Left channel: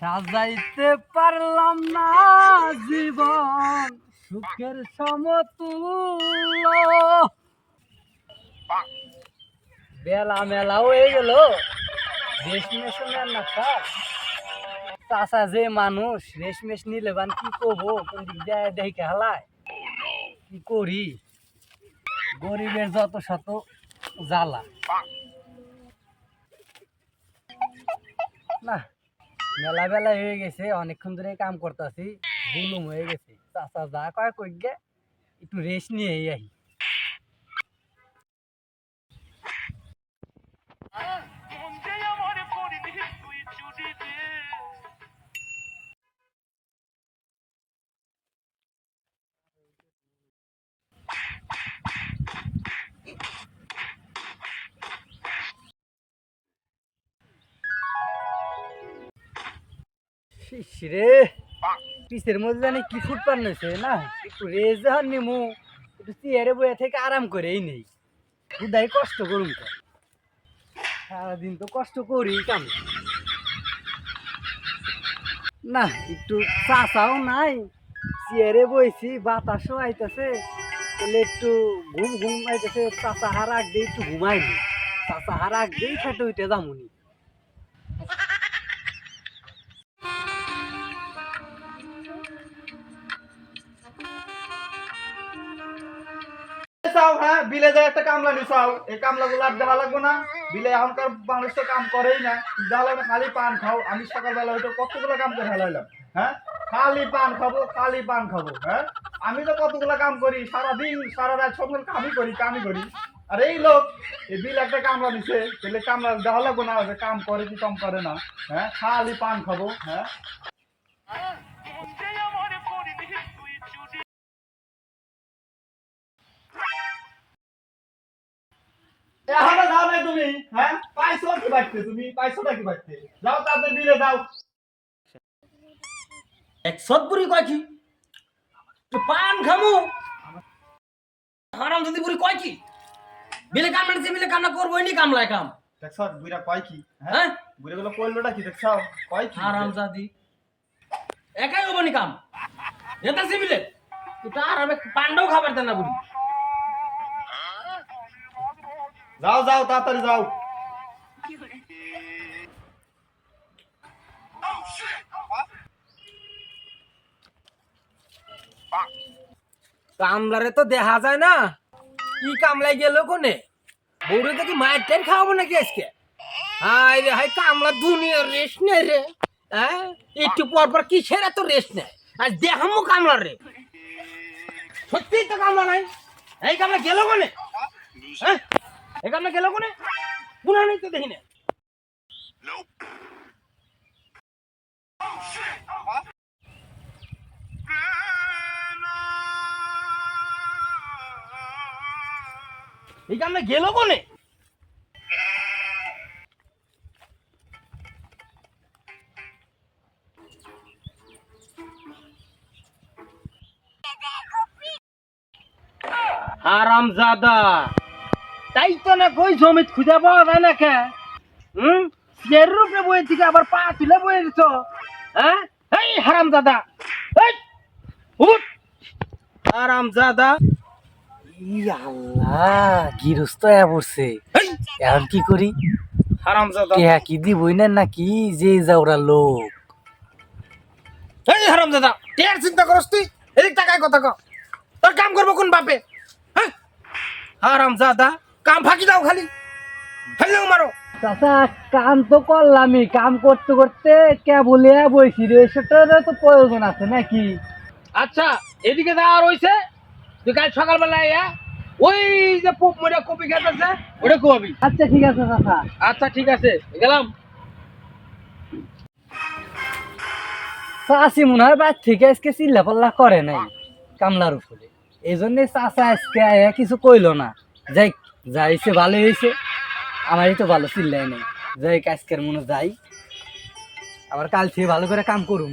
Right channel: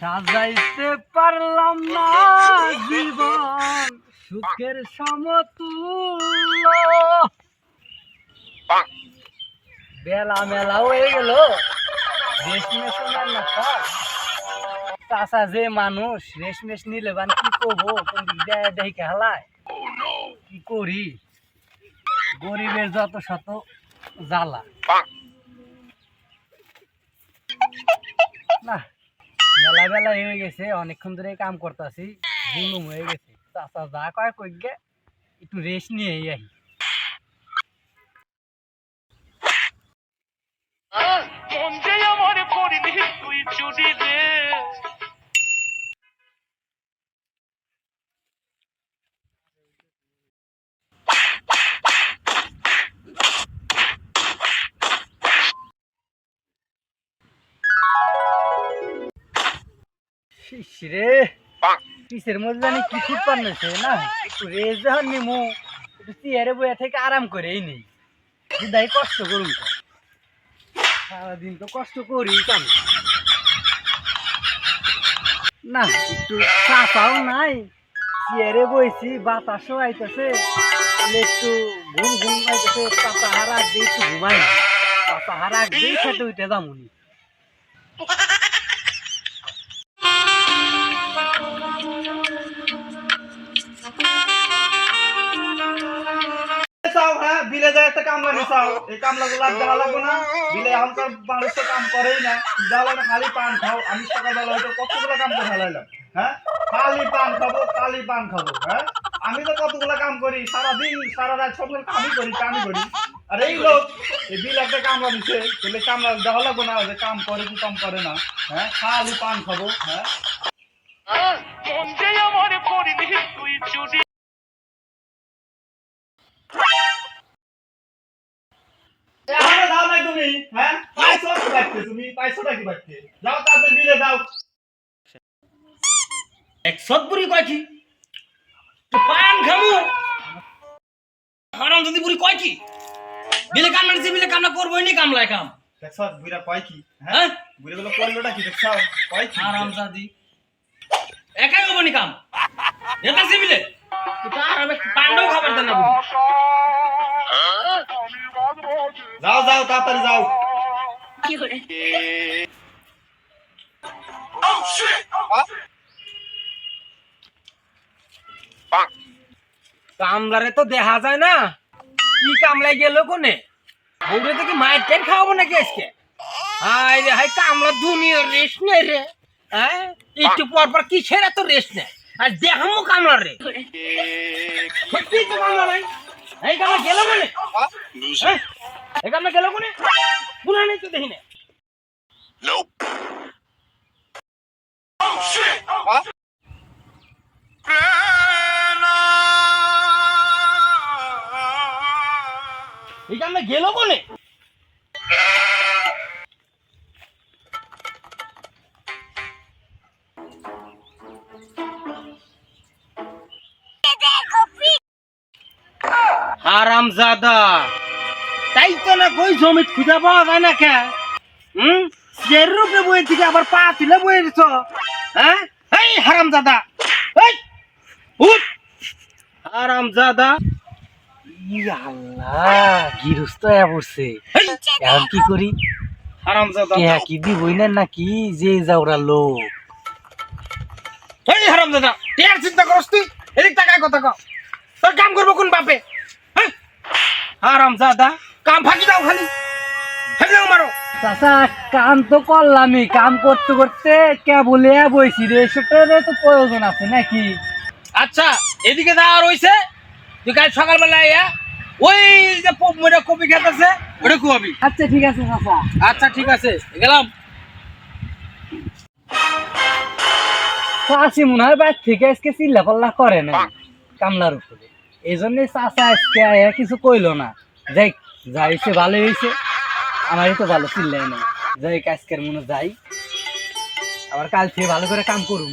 সাজাইতে পারলাম না জীবন, সুখের সমতুল্য। বেলা মেলা হয়ে গেল রেশমেশ না খাস চাষা যে মানুষ রেশমেশ নিলে বান কি করব? কোন দেখে হালায়? কি করি? গরিবের যত শত জ্বালা। না মেলা বেলা হয়ে গেছে, অনেকক্ষণ ধরে কাম করতেছি বুনুম হয়ে গেছে। চাষা যা কয় কই গে একটু রেস্ট নিয়ে আহি। 언 রে। কিসের মধ্যে জানি কি ফুট পান্নেছে না? একটু রেস্ট যখন নিমু। একটু চেয়ারে বয়ে থেকে আরাম করেই নেই। বুধাই কষ্ট করুন তো সারাদিন তো কষ্ট করি কাম। না, একটু চাচাও নাই। চেয়ারে বইছি, বাতাসও আইতেছে। বলে একটু ঘুম ঘুম আইতেছে। চাচা হার দিয়ে একটু ঘুমাই চাচা হার দিয়ে খেতে উঠে যামুনি। বিলে যায় একটা কামলা নিচাও এই কামলা গুলো আর দেওয়া লাগবে না। বিলে এখনকার মানুষ তো কাম করেই না। না, খালি পান খাও। আমি সকালবেলা হয়তো কতগুলো কাম করে ফেলাইলাম হ্যাঁ? খালি পান খাব, খালি পান খাব হ্যাঁ? আমি তো কতগুলো কাম করি, সারাদিন, সারা রাত সব কামই করি কামই করি। আর এই লোক, এই বিল একটা কামলা নিছে তাহলে কামলা দেওয়া লাগবে না, যে কাম করে কি কম করে না হ্যাঁ? খালি পান খাব হ্যাঁ? তুমি হ্যাঁ? পাইছো কি বাড়তে তুমি? পাইছো নাকি বাড়তে? যাও তাদের বিলে দাও এক সৎপুরি কয় কি? তো পান খামু। হারাম যদি পুরি কয় কি? বিলে কামলা নিছে বিলে কামলা করবোই নি কামলায় কাম। দেখছ বুড়া কয় কি? হ্যাঁ? হ্যাঁ? বুড়া গুলো কইলোটা কি দেখছাও কয় কি? হারাম জাদি একাই হব নি কাম? এটা সিবিলে এটা আর আমি পান্ডাও খাবার দেন না বুড়ি। যাও যাও তাড়াতাড়ি যাও। কামলারে তো দেখা যায় না। কি কামলাই গেল কোনে? বউরে তো কি মায়ের টেন খাওয়াবো নাকি আজকে? হাই রে হাই কামলা দুনিয়ার রেস্ট নেই রে। হ্যাঁ? একটু পর পর কিসের এত রেস্ট নেই আর দেখামো কামলা রে সত্যি তো কামলা নাই। এই কামলা গেল কোনে? কামলা গেল কোনে? পুরা নেই তো দেখি না এই কামলা গেল কোনে? হারাম জাদা তাই তো না কই জমিত খুঁজে পাওয়া যায় না কে? হুম? চের রূপে বইয়ের দিকে আবার পা তুলে বইয়ে দিছ হ্যাঁ? এই হারাম জাদা এই উঠ! হারাম জাদা আল্লাহ গিরস্ত পড়ছে। এখন কি করি? হারাম জাদা কে কি দিবই না নাকি যে যাওরা লোক? এই হারাম দাদা টের চিন্তা করস তুই? এদিক টাকায় কথা কও তোর কাম করব কোন বাপে? হ্যাঁ হারাম জাদা কাম ফাঁকি দাও খালি। ফেলে মারো। চাচা কাম তো করলামই। কাম করতে করতে কে বলে বইছি রে সেটারও তো প্রয়োজন আছে নাকি? আচ্ছা এদিকে যা রইছে তুই কাল সকালবেলা আইয়া ওই যে পোপ মরে কপি খেতেছে ওটা খুয়াবি। আচ্ছা ঠিক আছে চাচা। আচ্ছা ঠিক আছে গেলাম। চাষি মনে হয় বাইর থেকে আজকে চিল্লা পাল্লা করে নাই কামলার উপরে। এই জন্যই চাচা আজকে আয়া কিছু কইলো না। যাই যা হয়েছে ভালো হয়েছে, আমারই তো ভালো চিল্লাই নাই। যাই আজকের মনে যাই। আবার কাল থেকে ভালো করে কাম করুন